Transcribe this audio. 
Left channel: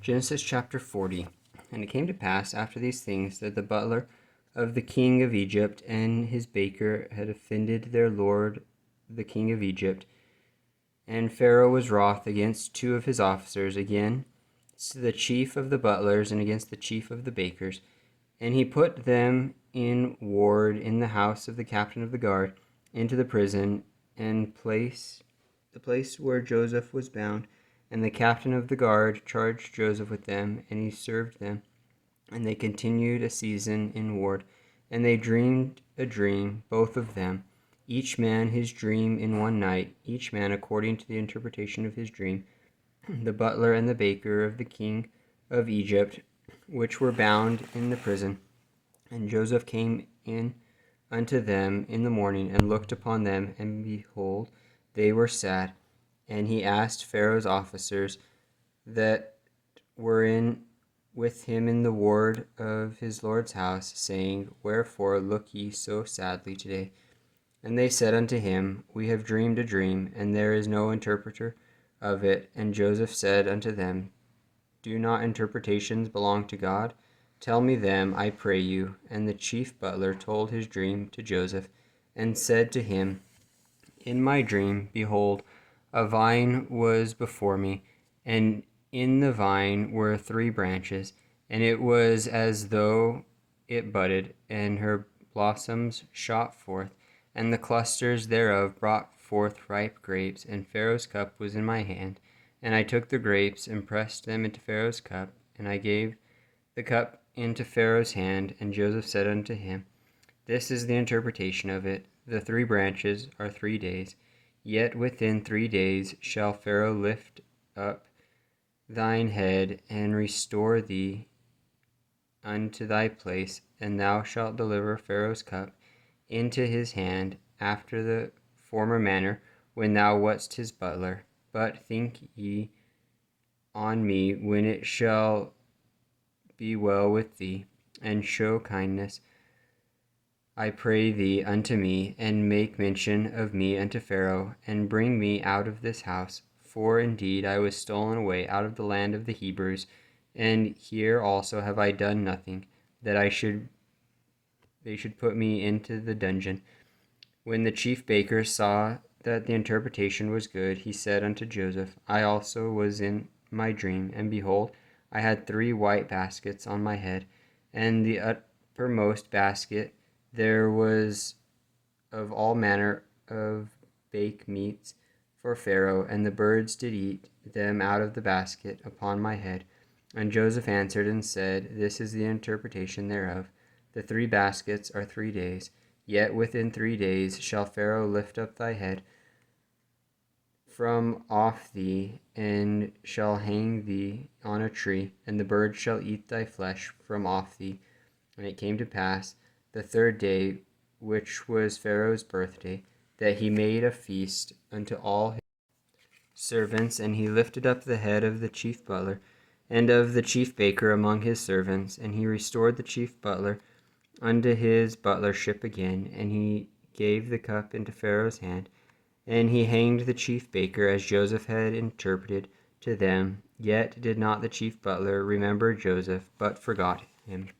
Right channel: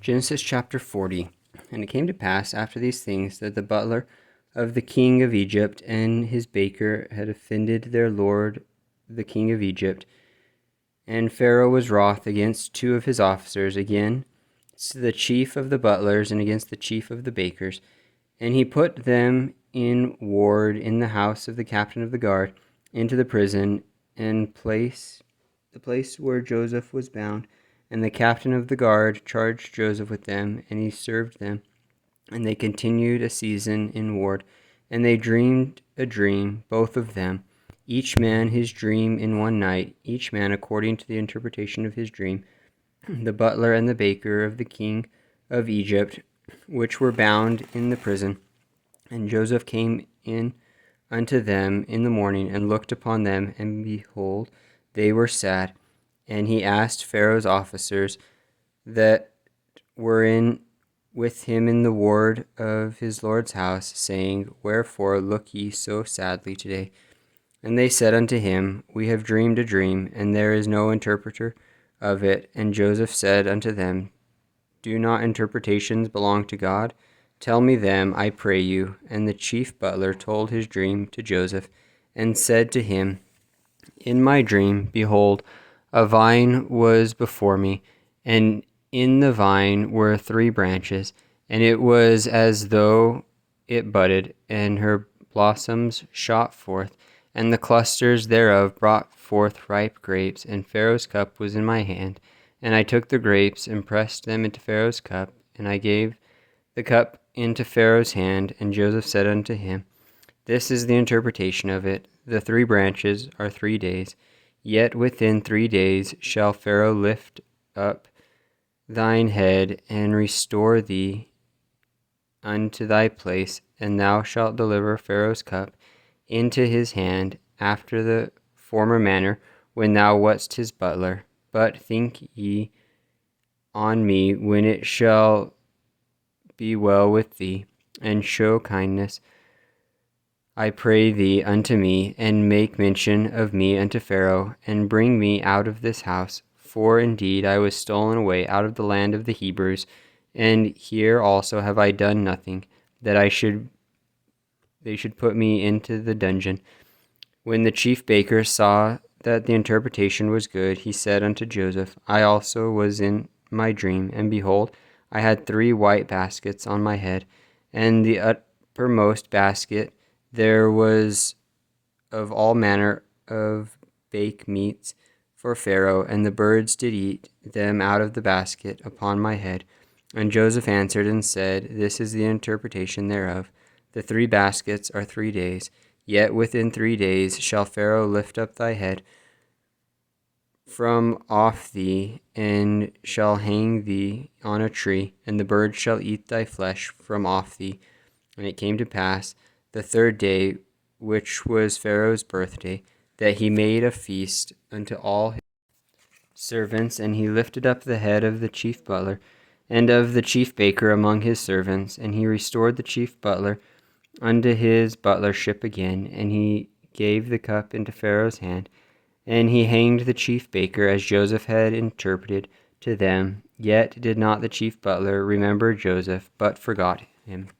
Genesis chapter 40. And it came to pass after these things that the butler of the king of Egypt and his baker had offended their lord the king of Egypt. And Pharaoh was wroth against two of his officers, against the chief of the butlers and against the chief of the bakers. And he put them in ward in the house of the captain of the guard, into the prison, and the place where Joseph was bound. And the captain of the guard charged Joseph with them, and he served them. And they continued a season in ward. And they dreamed a dream, both of them, each man his dream in one night, each man according to the interpretation of his dream. The butler and the baker of the king of Egypt, which were bound in the prison. And Joseph came in unto them in the morning, and looked upon them, and behold, they were sad. And he asked Pharaoh's officers that were with him in the ward of his lord's house, saying, Wherefore look ye so sadly today? And they said unto him, We have dreamed a dream, and there is no interpreter of it. And Joseph said unto them, Do not interpretations belong to God? Tell me them, I pray you. And the chief butler told his dream to Joseph, and said to him, In my dream, behold, a vine was before me, and in the vine were 3 branches, and it was as though it budded, and her blossoms shot forth, and the clusters thereof brought forth ripe grapes, and Pharaoh's cup was in my hand. And I took the grapes, and pressed them into Pharaoh's cup, and I gave the cup into Pharaoh's hand. And Joseph said unto him, This is the interpretation of it. The 3 branches are 3 days. Yet within 3 days shall Pharaoh lift up thine head, and restore thee unto thy place, and thou shalt deliver Pharaoh's cup into his hand, after the former manner, when thou wast his butler. But think ye on me when it shall be well with thee, and show kindness, I pray thee, unto me, and make mention of me unto Pharaoh, and bring me out of this house. For indeed I was stolen away out of the land of the Hebrews, and here also have I done nothing, that they should put me into the dungeon. When the chief baker saw that the interpretation was good, he said unto Joseph, I also was in my dream, and behold, I had 3 white baskets on my head, and the uppermost basket there was of all manner of baked meats for Pharaoh, and the birds did eat them out of the basket upon my head. And Joseph answered and said, This is the interpretation thereof. The 3 baskets are 3 days. Yet within 3 days shall Pharaoh lift up thy head from off thee, and shall hang thee on a tree, and the birds shall eat thy flesh from off thee. And it came to pass the 3rd day, which was Pharaoh's birthday, that he made a feast unto all his servants, and he lifted up the head of the chief butler and of the chief baker among his servants, and he restored the chief butler unto his butlership again, and he gave the cup into Pharaoh's hand, and he hanged the chief baker as Joseph had interpreted to them. Yet did not the chief butler remember Joseph, but forgot him.